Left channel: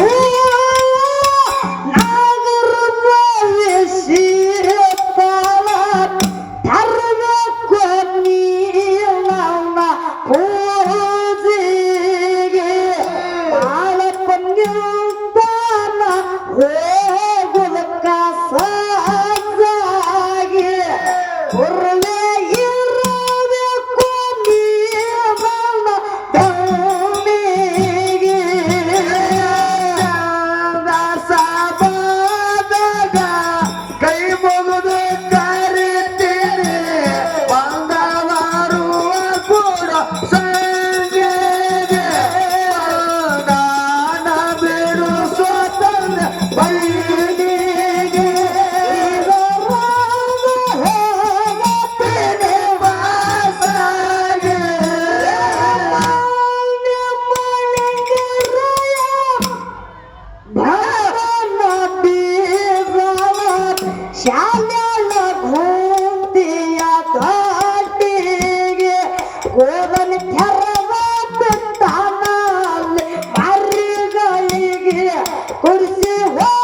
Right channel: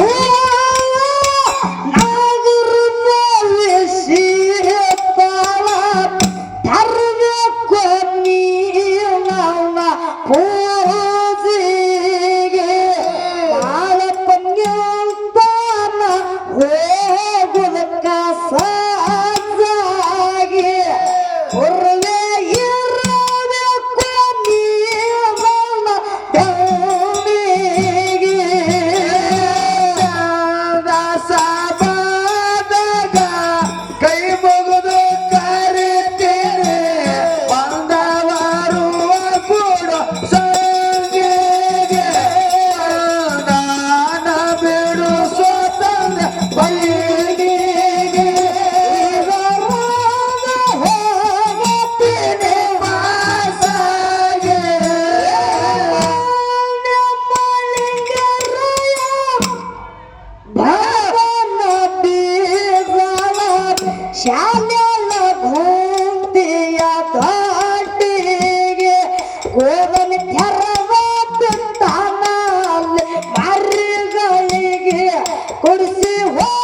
Woo! corre, corre,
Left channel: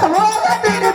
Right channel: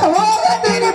Come on, come on,